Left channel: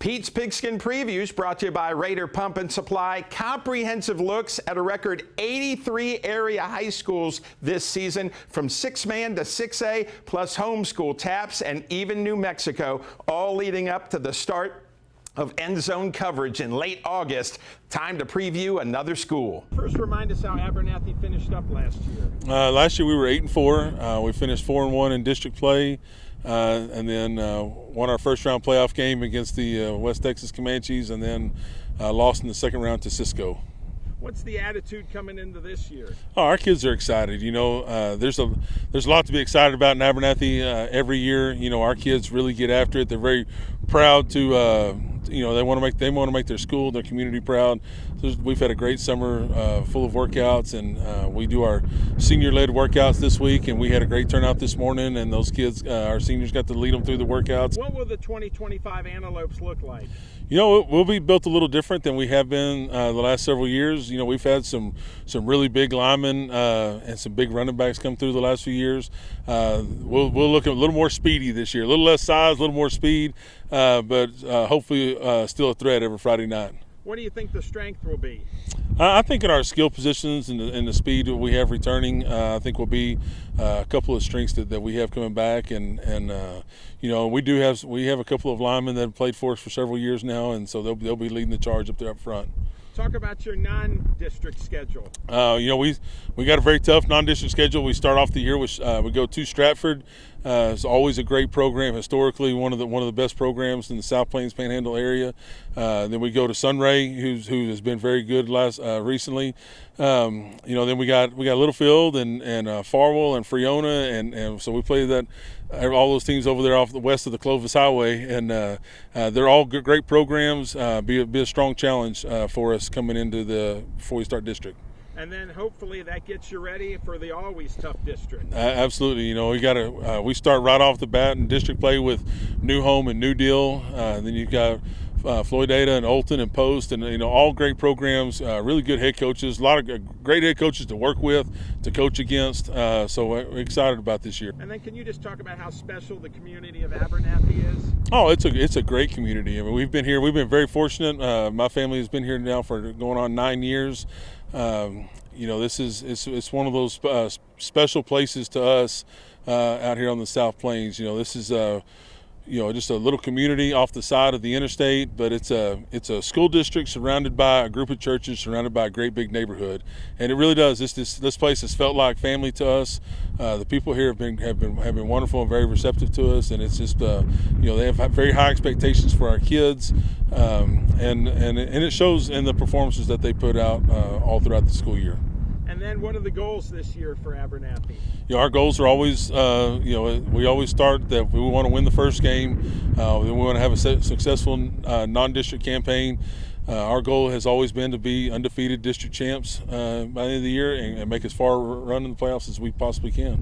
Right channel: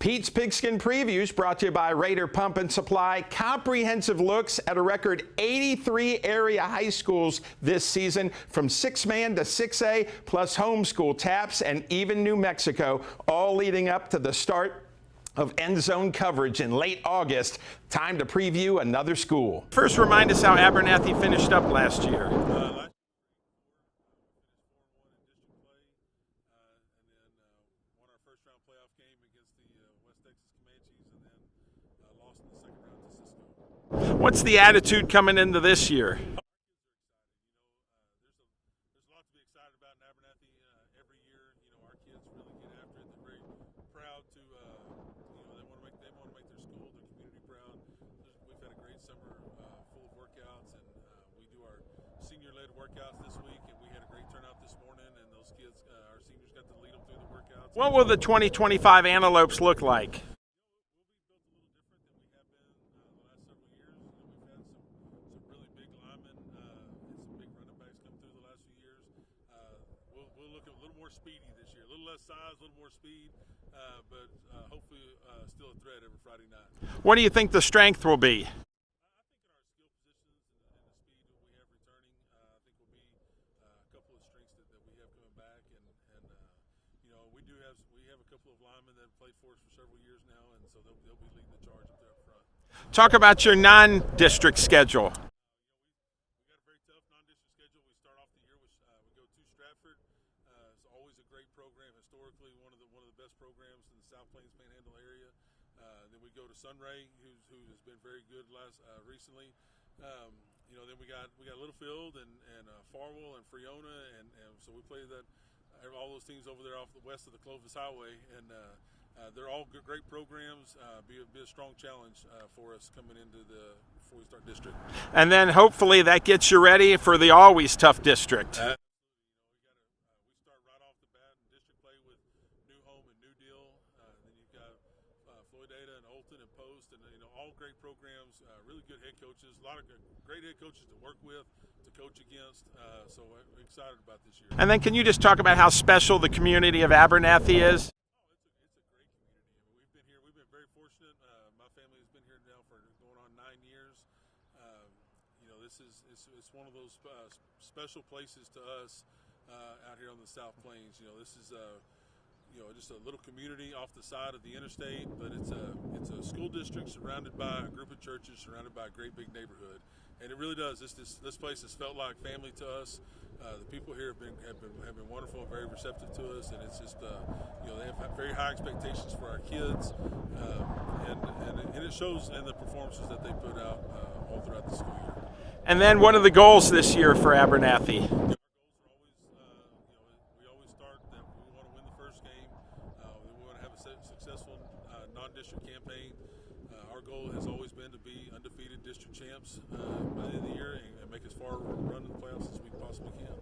Pete's Pigskin Previews brought to you by Raider Pump and Supply. Comprehensive looks at a record 83 area high schools this season, from 6-man to 6A, plus homeschool taps and even New Mexico, all leading up to the start of end zone coverage in late August. Time to preview another school. First, remind us how Abernathy finished up last year. Last year we were 8-4. We finished 4-1 in district play. And then won our first round playoff game against the West Texas Comanches, and then lost in the second round to Cisco. What's the attitude coming into this year? Oh, our kids are excited. You know, there's a lot to be excited about in Abernathy every year. You know, our kids really get after it. They're very proud to, you know, they want to make their school, their community proud. We've had a great summer full of workouts, and we do our senior-led workouts this week, and we had a great turnout this morning, and those kids, our seniors, got to lead them through the workouts. What will the 2025 Antelopes look like? You know, we'll be built a little different than we have been the last several years. You know, we've had some really big linemen and some big running backs come through the last few years. We'll look a little more speedy this year, a little less size, a little more speed, but hopefully still a threat every Friday night. What do you think the strength will be? I think in our skill positions and the speed that we have returning, I think will be a couple of strengths that we have coming back, and you know, we have a couple of linemen that have played for us for several years now, and so they'll be leading the charge up there up front. Talk about your non-district schedule. You know, we got a very tough non-district schedule. We start off the year with we go to Stratford. It's always a great program, historically one of the best programs in the South Plains Panhandle area. Then we go to Sunray, who has been very good recently. You know, then we got Littlefield and Farwell and Freona, and so we play that. All those teams over there off the west of the Clovis Highway, and they're all great programs. Be a strong challenge for us coming into before we start district. And then hopefully that gets you ready for the always tough district. Absolutely. You know, we start right off the bat in district play with New Home and New Deal. Then you've got Floydada and Olton and Post, and you know, all great programs, really good head coaches, a lot of great head coaches to work with, to coach against. So we're excited about this year. And then can you just talk about how special the community of Abernathy is? Oh, it's a great community. I mean, we've been very fortunate. My family has been here now for going on 9 years. You know, it's one of those special places to us out here on the South Plains. You know, this is you know, just a little community off the side of the interstate, but it's a school district surrounded by a group of churches, surrounded by a great big neighborhood, and it really does. This place has felt like family to us. The people here have been wonderful and very receptive to us, and it's just you know, they have very high expectations for our kids, and it shows in the performances that they put out all throughout the school year. And then what are the goals this year for Abernathy? You know, our goals are always, you know, we always start that we want to win the first game. Then we want to have a successful non-district campaign. Our goal has always been to be undefeated district champs by the end of the year and make as far run in the playoffs as we possibly can.